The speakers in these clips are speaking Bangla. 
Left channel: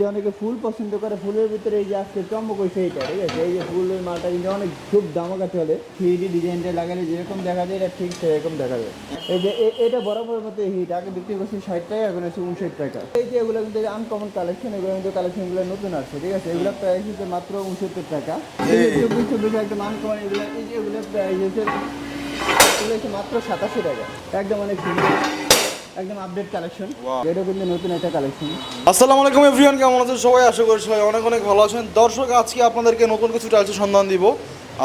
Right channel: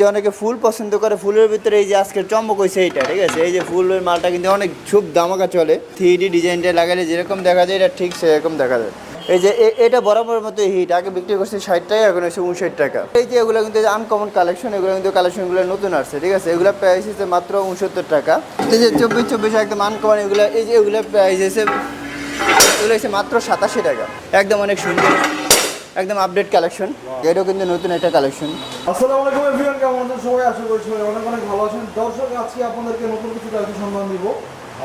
যে অনেকে ফুল পছন্দ করে, ফুলের ভিতরে এই যে আজকে চমক হয়েছে এইটা, ঠিক আছে? এই যে ফুলের মালটা কিন্তু অনেক খুব দামাকা চলে। থ্রি ডিজাইনটা লাগালে যেরকম দেখা যায়, এটা ঠিক সেরকম দেখা যায়। এই যে এটা বরাবর মতো হিট আগে বিক্রি করছে ষাট টাকা, এখন হচ্ছে উনষাট টাকা। এই যে এগুলো কিন্তু আনকমন কালেকশন এগুলো কিন্তু কালেকশনগুলো নতুন আসছে, ঠিক আছে? এগুলো প্রাইস হচ্ছে মাত্র উনসত্তর টাকা। এই যে চব্বিশ চব্বিশ একদম আনকমন এগুলো, এই যে এগুলো প্রাইস হচ্ছে এগুলো হচ্ছে মাত্র সাতাশি টাকা। একদম অনেক সুন্দর। একদম আপডেট কালেকশন এটাও কিন্তু নতুন একটা কালেকশন আসসালামু আলাইকুম এভরিওয়ান কেমন আছেন? সবাই আশা করি সবাই অনেক অনেক ভালো আছেন। দর্শক আজকে আপনাদেরকে নতুন কিছু টাইলসের সন্ধান দিব।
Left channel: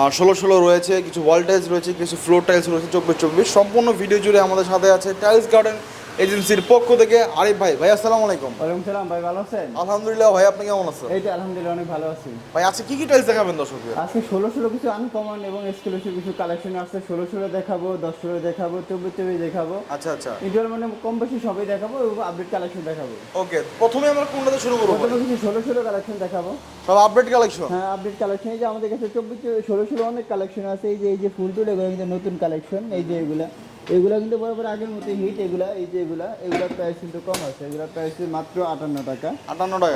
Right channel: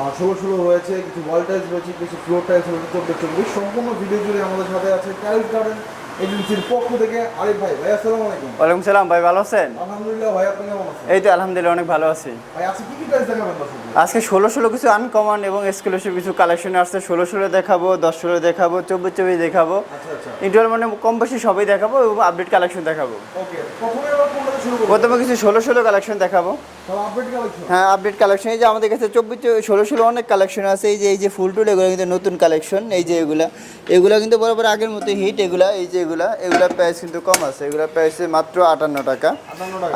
আর ষোলো ষোলো রয়েছে কিছু ওয়াল টাইলস রয়েছে কিছু ফ্লোর টাইলস রয়েছে চব্বিশ চব্বিশ। সম্পূর্ণ ভিডিও জুড়ে আমাদের সাথে আছে টাইলস গার্ডেন এজেন্সির পক্ষ থেকে আরিফ ভাই ভাই আসসালামু আলাইকুম। ওয়ালাইকুম সালাম ভাই ভালো আছেন? আলহামদুলিল্লাহ ভাই আপনি কেমন আছেন? এই তো আলহামদুলিল্লাহ অনেক ভালো আছি। ভাই আজকে কি কি টাইলস দেখাবেন দর্শকদের? আজকে ষোলো ষোলো কিছু আনকমন এবং এক্সক্লুসিভ কিছু কালেকশন আসছে। ষোলো ষোলো দেখাবো দশ ষোলো দেখাবো চব্বিশ চব্বিশ দেখাবো। আচ্ছা আচ্ছা। ইন্টার মানে কম বেশি সবই দেখাবো এবং আপডেট কালেকশন দেখাবো। ওকে প্রথমে আমরা কোনটাতে শুরু করব? প্রথমে কিছু ষোলো ষোলো কালেকশন দেখাবো। সব আপডেট কালেকশন হ্যাঁ আপডেট কালেকশন এই যে আমাদের কাছে চব্বিশ ষোলো ষোলো অনেক কালেকশন আছে। এই যে এই যে ফুল টুল এগুলো কিন্তু নতুন কালেকশন এই যে এগুলা এগুলা কিন্তু বরাবর আগের মতো হিট এগুলা এই যে এগুলা এগুলা প্রাইস কিন্তু কম আছে। এগুলা প্রাইস মাত্র আটান্ন টাকা।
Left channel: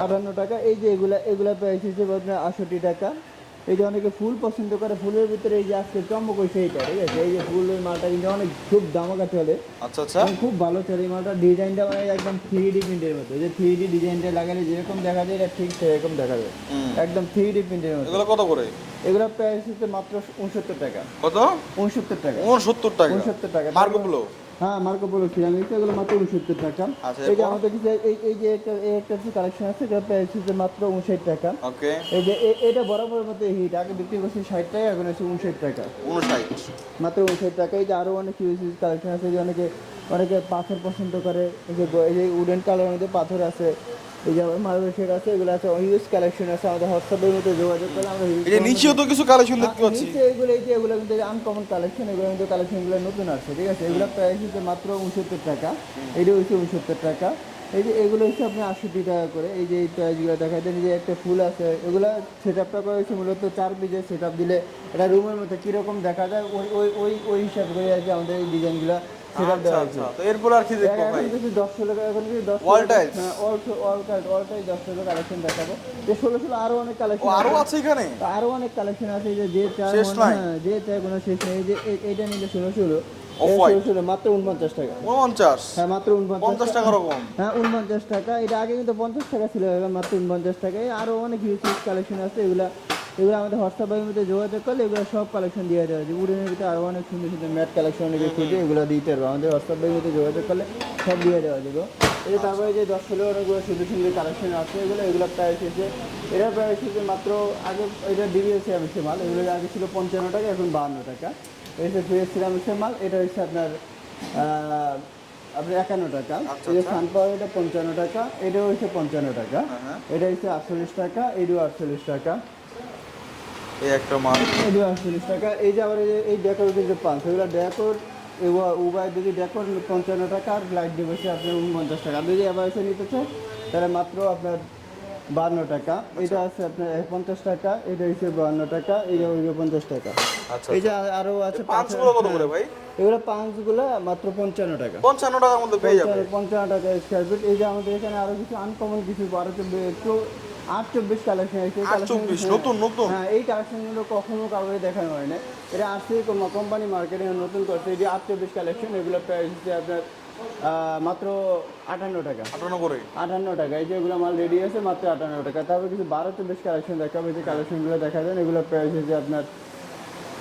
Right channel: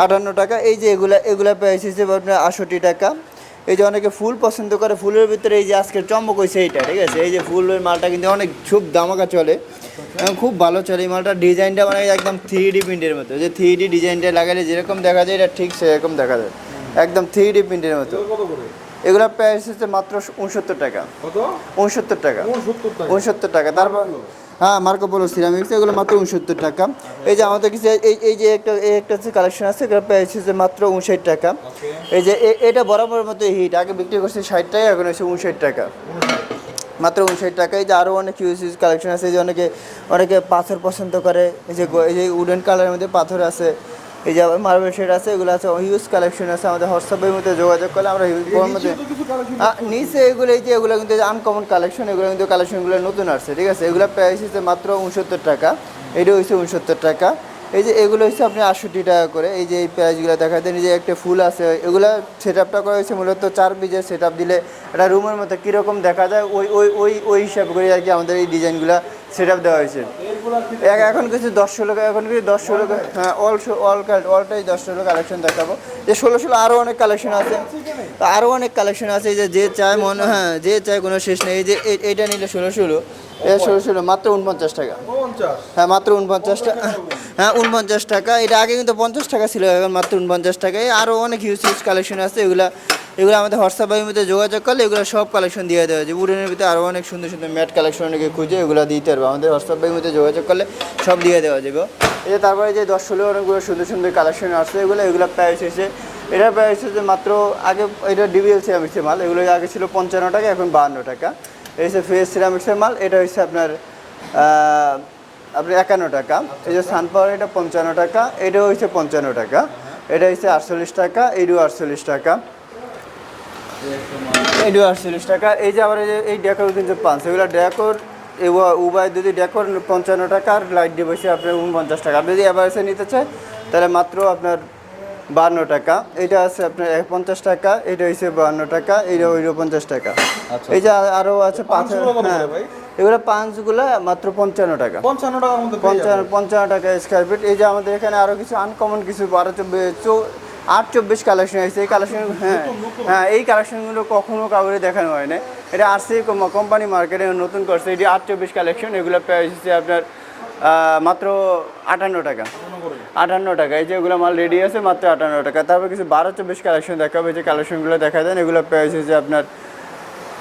আটান্ন টাকা। এই যে এগুলা এগুলা প্রাইস হিসেবে আপনার আষট্টি টাকা। এই যে অনেকে ফুল পছন্দ করে ফুলের ভিতরে এই যে আজকে চমক হয়েছে এইটা ঠিক আছে? এই যে ফুলের মালটা কিন্তু অনেক খুব দামাকা চলে। আচ্ছা আচ্ছা। এবং খুব ভালো চলে এই মালটা। ডিজাইনটা মানে একদম থ্রি ডি প্রিন্টের মতো। যে থ্রি ডি ডিজাইনটা লাগালে যেরকম দেখা যায় এটা ঠিক সেরকম দেখা যায়। একদম থ্রি ডি প্রিন্টের মতো। এগুলো কত করে? এগুলোর প্রাইস হচ্ছে মাত্র উনসত্তর টাকা। কত? উনসত্তর টাকা। উনসত্তর টাকা। উনসত্তর টাকা। তারপর? হ্যাঁ মার্কো পোলো সিরামিক্স এগুলো মাত্র উনসত্তর টাকা। আচ্ছা, এই যে আমাদের কিছু এই এই যে একটা এই একটা হচ্ছে কালেকশন আছে এগুলো পেয়েছে যে মাত্র উনষাট টাকা। ওকে। এই যে এটা বরাবরের মতো হিট আগে বিক্রি করছে ষাট টাকা এখন হচ্ছে উনষাট টাকা। মাত্র উনষাট টাকা। এই যে আরও অনেক ইউজ ইউজ কালেকশন আছে এই যে অনেকে অনেকে পাথর পছন্দ করে এই যে এই যে উডেন কালারের মধ্যে পাথর আছে। এই যে মার্বেল শেড আছে এগুলো আছে হিউজ কালেকশন আছে আমাদের হোয়াটসঅ্যাপের মধ্যে যোগাযোগ করলে আমরা হিউজ নিচেও তো কিছু কালেকশন নিচে এগুলো এই যে এগুলো কিন্তু আনকমন কালেকশন এগুলো কিন্তু কালেকশনগুলো নতুন আসছে ঠিক আছে? এগুলো প্রাইস হচ্ছে মাত্র উনসত্তর টাকা। এটা হচ্ছে উনসত্তর টাকা। এই যে এগুলো হচ্ছে আপনি আটষট্টি টাকা করে এই যে এই প্রাইসগুলো দেখা দেন এই যে একটা ফুল আছে এগুলো সেট আপটা করা হয়েছে মূলত চার পিজের সেট আপ দিলে একটা রুমের মধ্যে কীরকম দেখা যায় ওই ওই ওই ওই হিসাব করে আর কি আমাদের এই ডিজাইনগুলো সেট আপ দেওয়া হয়েছে। এখন কিছু দশ ষোলো এখন কিছু দশ ষোলো হ্যাঁ অল অল অলটাই দশ ষোলো কালেকশন দেখাবো। যে ষোলো ষোলো আরও অনেক কালেকশন আছে। আরও অনেক কালেকশন আছে এই যে যে চায় মনে হ্যাঁ যে চায় কোনো শেষ নেই। এই যে এ- এইটা নিলে ষোলো ষোলো। ষোলো ষোলো মাত্র উনপঞ্চাশ টাকা। পঞ্চাশ হ্যাঁ মাত্র উনপঞ্চাশ টাকা। টাকা হ্যাঁ উনপঞ্চাশ টাকা। এটা আগে কিন্তু পঞ্চাশ টাকা ছিল এখন মাত্র উনপঞ্চাশ টাকায়। আরও অনেক হিউজ হিউজ কালেকশন আছে এগুলা এগুলো আমাদের হোয়াটসঅ্যাপ হোয়াটসঅ্যাপের মধ্যে যোগাযোগ করলে এগুলো সব কালেকশন দিয়ে দেওয়া হয়েছে। উডেনের ভিতরে আরও অনেক সুন্দর সুন্দর ম্যাট কালেকশন অনেকে খুঁজে এগুলো দিতে পারব। আমাদের হোয়াটসঅ্যাপ হোয়াটসঅ্যাপের মধ্যে যোগাযোগ করলে সব দিয়ে দেওয়া যাবে এই যে তারপরে যে দশ ষোলো অনেকগুলো সুন্দর সুন্দর কালেকশন আসছে এগুলো এগুলো প্রাইস হয়েছে এটা প্রাইস হচ্ছে মাত্র আগে এটা ডিবিএল সিরামিক্সের মাল। এগুলো আগে ছিল পঞ্চান্ন টাকা এখন বাহান্ন টাকা। এই হচ্ছে ফেস সিরামিক্সের মাল এটা হচ্ছে আপনার আপনার একান্ন টাকা। এই যে সানপাওয়ার এটা পঞ্চান্ন টাকা এটাও হচ্ছে পঞ্চান্ন টাকা। এটা হচ্ছে আটচল্লিশ টাকা এটাও আটচল্লিশ টাকা। এই একটা আটচল্লিশ টাকা। এই যে আবার এই ডেকোর কিন্তু পান সেগুলো ডেকোর উভয় যদি ডেকোর পঞ্চান্ন টাকা আর লাইট বসে আপনার উনপঞ্চাশ টাকা। আপনি যদি এবার নিতে চায় তাহলে মাত্র আপনার বান্ন টাকা। এটা আছে আপনার এক পঞ্চাশ টাকা এটা হচ্ছে বান্ন টাকা এটা ওইটা পঞ্চাশ টাকা। আচ্ছা। এই যে আর- আরও আছে করে হ্যাঁ। এগুলো পাঁচগুলো মাত্র পঞ্চান্ন টাকা। পঞ্চান্ন পেয়ে পঞ্চান্ন টাকা স্কোয়ার ফিট এই যে আমাদের এখানে আরও কিছু আনকমন কিছু বারো আট চব্বিশ কালেকশন আছে। এই কালেকশন 824, নতুন, নতুন। হ্যাঁ এই কালেকশনগুলো কখনো কাউরে দেখানো হয় না এটা আরসি কোম্পানি মার্কেটে নতুন করছে। এটি আট চব্বিশ কালেকশন এগুলো প্রাইস হচ্ছে আপনার মাত্র আটান্ন টাকা। আটান্ন টাকা। এই যে এগুলো মাল রেডি আছে মাত্র আটান্ন টাকা। তারপর কিছু বারো চব্বিশ কালেকশন দেখাবে। যে কালেকশনগুলো দেখা দেন এগুলো প্রাইস হচ্ছে আপনার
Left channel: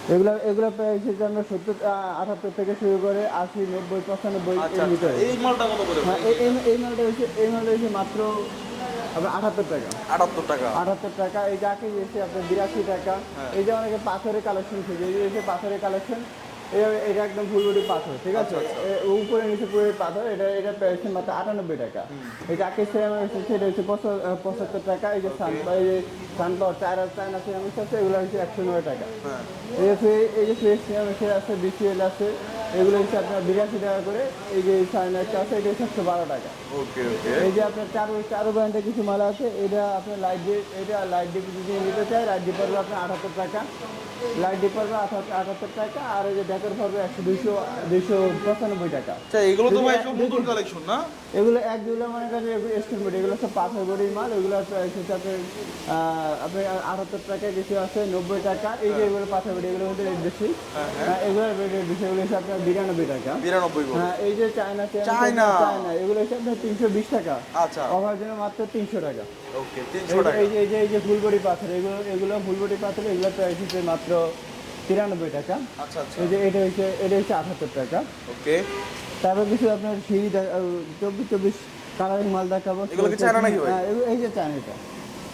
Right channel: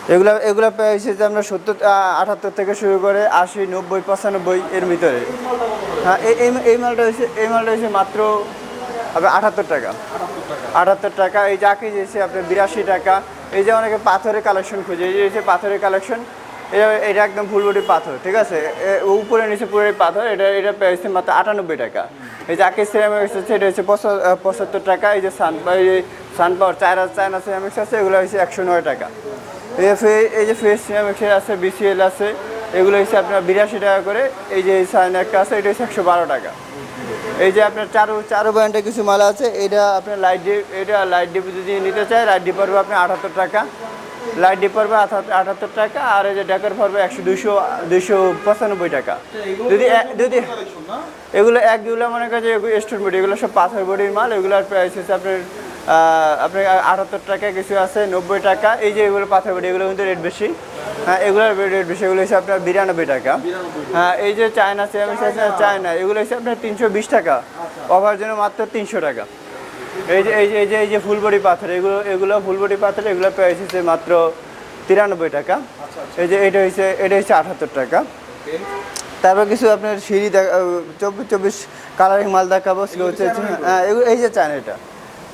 এগুলো এগুলো প্রাইস হচ্ছে আপনার সত্তর আটাত্তর থেকে শুরু করে আশি নব্বই পঁচানব্বই এর ভিতরে? হ্যাঁ এই এই- এই মালটা হচ্ছে এই মালটা হচ্ছে মাত্র আপনার আটাত্তর টাকা। আটাত্তর টাকা। আটাত্তর টাকা এই চাকি যেছে আপনার বিরাশি টাকা। এই যে অনেকে পাথরের কালেকশন খুঁজে এই যে পাথরের কালেকশন এটা এটা একদম ফুলবডি পাথর ঠিক আছে? উপরে নিচে পুরো পাথর এটা এটা পেয়েছে মাত্র আটানব্বই টাকা। এই যে আকি সিরামিক্স হচ্ছে এটা হচ্ছে পঁচাত্তর টাকা। এই যে সান এই যে চায়না চায়না সিরামিক্স আছে এগুলো হচ্ছে একশো নয় টাকা। এই যে এই যে ফেস সিরামিক্সের আছে বিসিএল আছে এগুলো হচ্ছে আপনার বিরাশি টাকা করে এই যে সাইন একটা আছে এটা হচ্ছে একশো বারো টাকা। এই যে আপনার চারু চারু ব্র্যান্ডের কিছু মাল আছে এটা আপনার লাইট ডিপ এটা লাইট ডিপ যদি নিতে চায় লাইট ডিপ পড়বে আপনার আটাত্তর টাকা। লাইট ডিপ পড়বে আটাত্তর টাকা আর এই যে ডেকার পড়বে একশো দুশো দুশো পঁচানব্বই টাকা। আচ্ছা, এগুলো যদি যদি এগুলো একগুলো মনে করেন যে স্টোন বডি এগুলো সব পাথর বডির মাল এগুলোর প্রাইস হচ্ছে আপনার আপনার আটাত্তর টাকা কিছু আছে নব্বই টাকা। এই যে এগুলো পাথর বডি এগুলো কিন্তু রেট বেশি। হ্যাঁ এগুলোর রেট বেশি এগুলো হচ্ছে আপনার বিরানব্বই টাকা। হ্যাঁ এই যে চায়না চায়না। এগুলো হচ্ছে আপনার তিনশো বিশ টাকা। আচ্ছা। অভার জন্য মাত্র তিনশো টাকা। এই যে এই যে এই যে এই যে ফুলবড়ি পাথর এগুলো এগুলো ফুলবড়ি পাথর এগুলো প্রাইস হচ্ছে মাত্র তিরানব্বই টাকা। আচ্ছা আচ্ছা। এই যে এটা হচ্ছে এটা হচ্ছে আটাত্তর টাকা। তারপর কিছু আপনার সিঁড়ি দেখা চব্বিশ চব্বিশ কালারিং মাল দেখাবো? হ্যাঁ, এই যে চায়না এটা।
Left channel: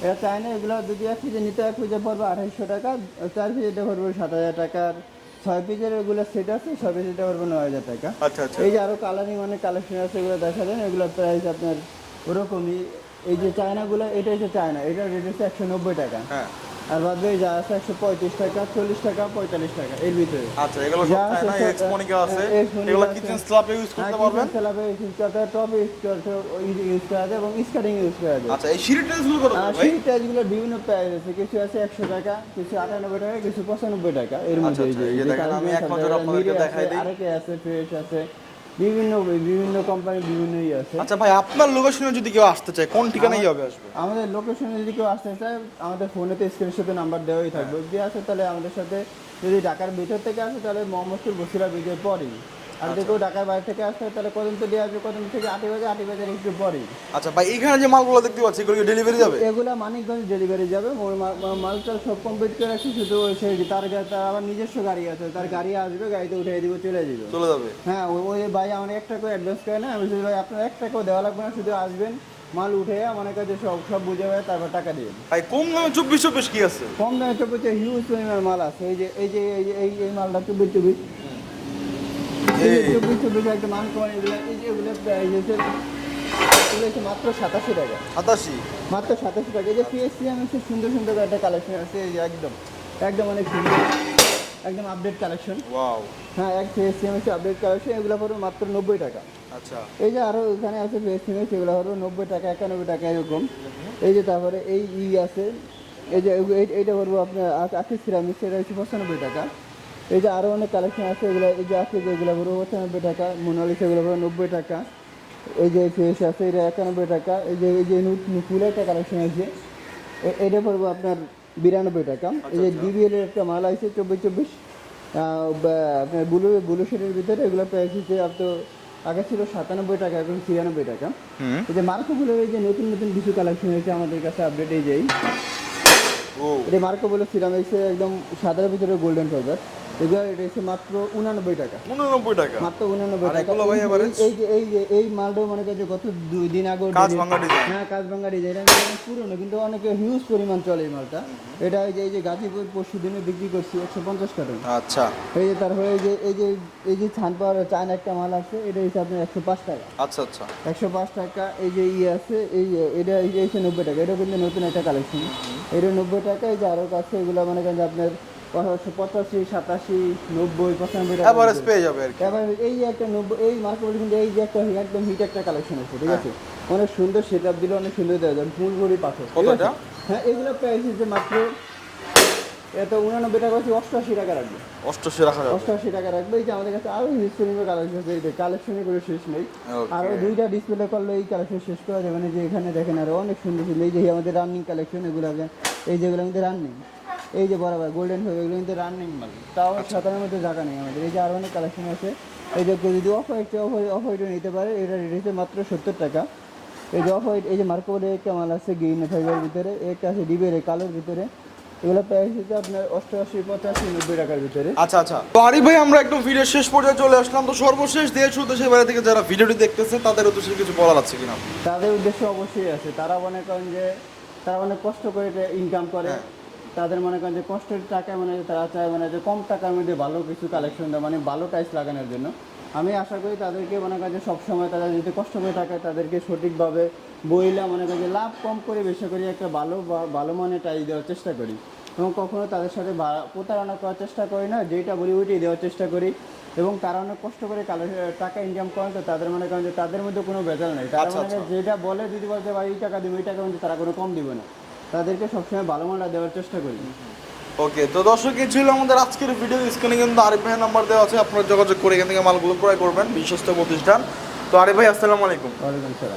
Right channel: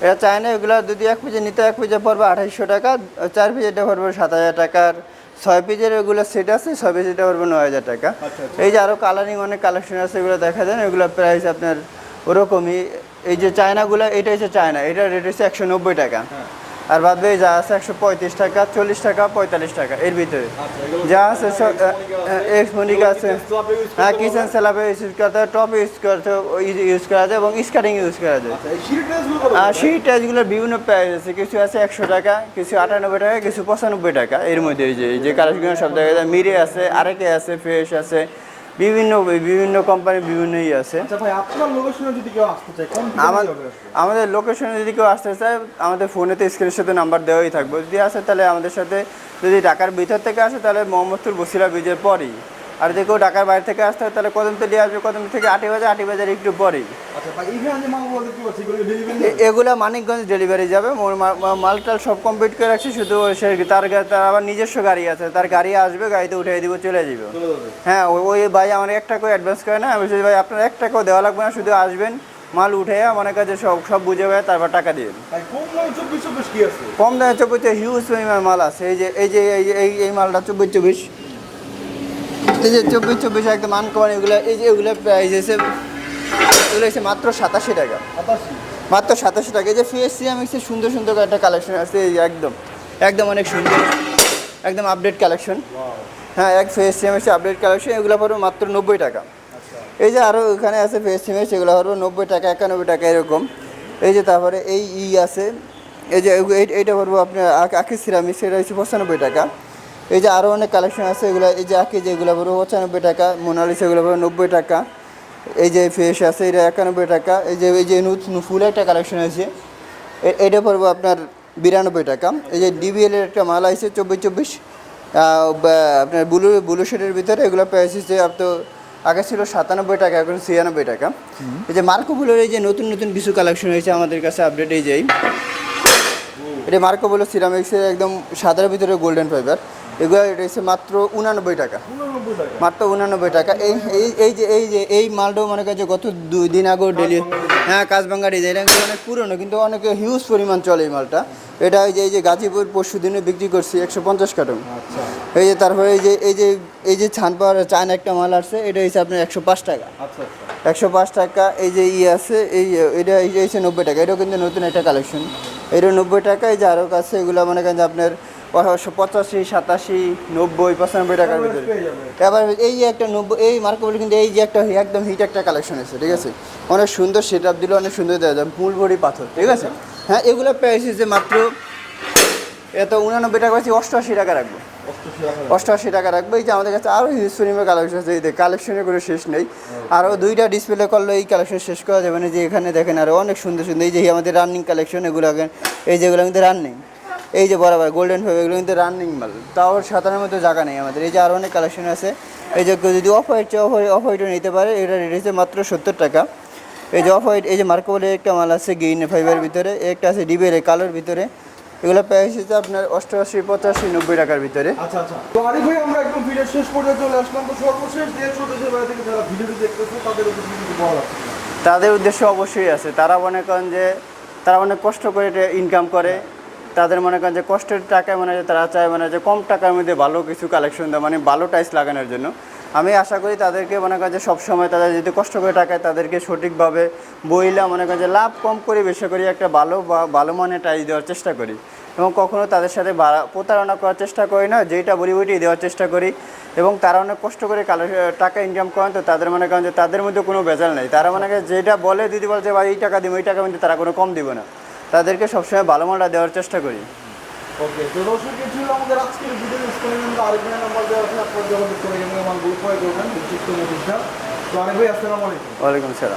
এটা চায়না এগুলো যদি এক পিজে নিতে এক পিজে পড়বে আঠাইশশো টাকা চার পিজেটা পড়বে সাত হাজার টাকার ছয় পিজের ওগুলো সেট আছে ছয় পিজেটা পড়বে নয় হাজার টাকা। আচ্ছা, আচ্ছা। এই যে আরও কালারিং অনেক কালেকশন আছে এগুলো দেখা দেন এগুলো প্রাইস আপনার ওরকমই। এই যে চায়নাগুলো এটা হচ্ছে চায়না এটা রেট হচ্ছে একশো নব্বই টাকা। হ্যাঁ। আর বাদ বাকি যা আছে একশো পঁয়ত্রিশ টাকা চল্লিশ টাকা পঁয়তাল্লিশ টাকা এর ভিতরে। আচ্ছা এগুলো যা আছে সব আছে। হ্যাঁ কিচেন ইউজ করতে টপ ইউজ করতে ইউজ করা যায় এবং স্কার্টিং ইউজ করা যায়। আচ্ছা আর? সেই টাইলসগুলোর বিভিন্ন প্রাইস আছে। কিছু আছে একশো টাকা কিছু আটানব্বই টাকা কিছু পঁচানব্বই টাকা। এর মধ্যে এই যে এই যে কালারগুলো সব দেখা যায়। মিরে আছে আরেকে আছে ফ্রেশ আছে। বিভিন্ন বিভিন্ন কোম্পানি বিভিন্ন ই আছে। আচ্ছা ভাই আপনার লোকেশনে যদি কেউ আসতে চায় কোন ঠিকানায় যাবে আমাদের লোকেশনে যদি কেউ আসতে চায় আমাদের ফোনেতে স্ক্রিনের সাথে নাম্বার দেওয়াই থাকবে। যদি আসে তাহলে আমাদের সাথে যদি ঢাকার ভিতর থেকে আসে তাহলে মোহাম্মদপুর বসিরা ব্রিজের পরেই। আর যদি কেউ ঢাকার বাইরে থেকে আসতে হয় তাহলে কদমতলি আসবে কদমতলি থেকে আটি বাজার আটি বাজার একটু পরেই। আচ্ছা ভাই এইখানে যে মালগুলো দেখতে পাচ্ছি এগুলো ডেলিভারি যাবে? এগুলা মানিকগঞ্জ ডেলিভারি যাবে। মালটাল সব কমপ্লিট করে রাখছি শুধু সে তার তার আবার নিজস্ব গাড়ি আছে। তার গাড়ি আসবে গাড়িতে উঠে দিব চলে যাবে। হ্যাঁ ওই- ভাই আমার এক টাকাও অ্যাডভান্স করে না আমি ভাই আপনার এক টাকাও দেওয়া লাগবে না শুধু আসবেন মাল উঠে আমার কাছে সব সব বুঝে ভাই তারপর টাকা দিয়ে ভাই কম দামে চব্বিশ চব্বিশ কি আছে? কম দামে চব্বিশ হিউজ পরিমাণ মাল আছে। এই যে এই যে এই এই মালটা চব্বিশ চব্বিশ। এই যে চব্বিশ চব্বিশ একদম আনকমন এগুলো এই যে এগুলো প্রাইস এসে এগুলো এসে মাত্র সাতাশি টাকা। সাতাশি? মাত্র সাতাশি টাকা। এই যে ফিএসসি এক্সের সুন্দর সুন্দর একটা কালেকশন আছে এই যে একদম একদম অনেক সুন্দর একদম আপডেট কালেকশন হ্যাঁ এক ফিএসসি এক্সের আপডেট কালেকশন এগুলো পড়বে মাত্র নব্বই টাকা। আচ্ছা। এই যে আরও এখানে আছে ফিএসসি এক্স এগুলো পড়বে নব্বই টাকা একানব্বই টাকা এরকম। এই যে তারপরে এই ই আছে এই যে এই- এইটা পড়ব আপনার আকি সিরামিক্স এটা হচ্ছে পঁচানব্বই টাকা। এই যে আরও অনেক কালেকশন আছে এগুলো এই যে আঁকি যেগুলো পড়ব পঁচানব্বই টাকা মোনালিস এগুলো পড়বে নব্বই টাকা। এই যে ফেস আছে এটা একানব্বই টাকা। এই যে এই যে নতুন ফুল একটা কালেকশন আছে এটা পড়ব আপনার বিরানব্বই টাকা। এই যে ডিবিএল এর একটা মাল আছে চব্বিশ চব্বিশ। আপনার ব্লু ব্লু শেডের ভিতরে এগুলো প্রাইস হচ্ছে আপনার আগে ছিল সাতানব্বই টাকা এখন ছিয়ানব্বই টাকা। এই যে মার্কো বুলোর এই যে নতুন নতুন কিছু কালেকশন হয়েছে আমাদের কাছে আপডেট এই ও। এটা মার্কো বুলো সিরামিক্সের একদম সাদার ভিতরে গোল্ডেন ফাইবার এগুলো এটা হচ্ছে মাত্র উনানব্বই টাকা। উননব্বই টাকা। মাত্র উনানব্বই টাকা। এই এই- এই যে এই যে এই মালটাও মনে করেন যে গত দুই দিন আগে ডেলি হ্যাঁ কাজবাঙ্গা ডিজাইন এটা অনেক পুরনো কিন্তু অনেক হিউজ পরিমাণ চলে এই মালটা। এটা এই যে এই যে গাজীপুর পরশু দিনে বিক্রি করছি একশো পঞ্চাশ কার্টন। আচ্ছা। এই যে তারপরে এই যে এই যে এই যে ছান পাওয়ার চায়না একটা মাল আসছে এটা হচ্ছে আপনার একশো পাঁচ টাকা। আচ্ছা আচ্ছা। একশো পাঁচ টাকা এই যে ই আছে এই এটা এই যে হচ্ছে নব্বই টাকা। এটাও কিন্তু নতুন একটা কালেকশন এটা নব্বই টাকা এই যে আরও কাছে এগুলো মনে করেন যে আপনার পঁচাশি সাতাশি নব্বই পঁচানব্বই টাকা পেয়ে যাবে। এবার এই যে একটা নব্বই এই মার্কেট কিন্তু এই যে একটা একদম হিট একটা কালেকশন আছে ঠিক আছে? অনেক সুন্দর সেট আপ দিলে অনেক সুন্দর দেওয়া যায় ফুল পাথর ঠিক আছে? হ্যাঁ এগুলো প্রাইস হচ্ছে মাত্র এত উনানব্বই টাকা আছে অষ্টআশি টাকা রাখব। অষ্টশি রাখা অষ্টআশি টাকা রাখব এই যে আমাদের কাছে আরও হিউজ পরিমাণে কালেকশন আছে এই কালেকশনের কোনো শেষ নেই। আরও দুইটা ডিসপ্লে করলে এই কালেকশন শেষ করা যাবে না যে এখানে দেখেন আরও অনেক সুন্দর সুন্দর এই যে আমাদের রানিং কালেকশন এগুলো আগে- এই যেগুলো কিন্তু রানিং এই যে বরাবর গোল্ডেন ফাইভ এগুলো কিন্তু রানিং মাল। তাও সাতানের মধ্যে জায়গা নেই আমাদের। এই যে আরও অনেক কালেকশন আছে। এই যে কেউ যদি off white off white off of হোয়াইটও নিতে পারে এটা রেট হচ্ছে মাত্র সত্তর টাকা। এই যে অফ হোয়াইট এই যে মার্কো বলে একটা মাল আছে গ্রিন ফাইবার ভিতরে একটা আছে ডিবের কালোর ভিতরে। এগুলো প্রাইস হচ্ছে আপনার অষ্টআশি পঁচাশি নব্বই টাকার ভিতরে। আচ্ছা আচ্ছা। তো আরিফ ভাই আমরা একদম ভিডিও শেষ পর্যায়ে চলে আসলাম। তো সর্বশেষ দেশ ও দেশের বাইরে থেকে যারা ভিডিওটি দেখতেছে তাদের উদ্দেশ্যে কিছু বলা যাচ্ছে কিনা? তাদের উদ্দেশ্য অবশ্যই আছে। তারা মনে করেন যে তারা অনেক কষ্ট করে ইনকাম করে। তাদের মনে করেন যে কষ্টের টাকায় মনে হয় যে তারা চায় মানে যে কম টাকার মধ্যে ভালো কিছু কালেকশন দেয় মানে ভালো টাইস লাগানোর জন্য। আমি আশা করি তাদেরকে মনে করেন যে সবসময় তাদের যদি কষ্ট করে টাকায় তাদেরকে সঠিকভাবে বইলা মনে করেন যে লাভ কম করে বেশি করে একটা ভালো বা ভালো মানের টাইস দেওয়ার চেষ্টা করি। এবং কখনো তাদের সাথে প্রতারণা করার চেষ্টা করি না যেটা বলি ওইটাই দেওয়ার চেষ্টা করি। এবং তারা অনেক কষ্ট করে কালে টাকা ইনকাম করেন তো তাদের মনে করেন যে তাদের মধ্যে কোনো ভেজাল নেই। তারা মনে করেন যেটা বলে দিদি বলছে ভাই এই টাকা দিব এই টাকা কিন্তু তারা কোনো কম দিব না। তাদেরকে সবসময় ভালো মালটা দেওয়ার চেষ্টা করি। ওকে তো দর্শক এই ছিল আমাদের আজকের ভিডিও স্ক্রিনে কিন্তু আরিফ ভাইয়ের নাম্বার দেওয়া আছে আপনারা যোগাযোগ করে এখান থেকে মালগুলো ক্রয় করবেন বিশিষ্ট প্রতিষ্ঠান তো আরিফ ভাই আসসালামু আলাইকুম। ওয়ালাইকুম সালাম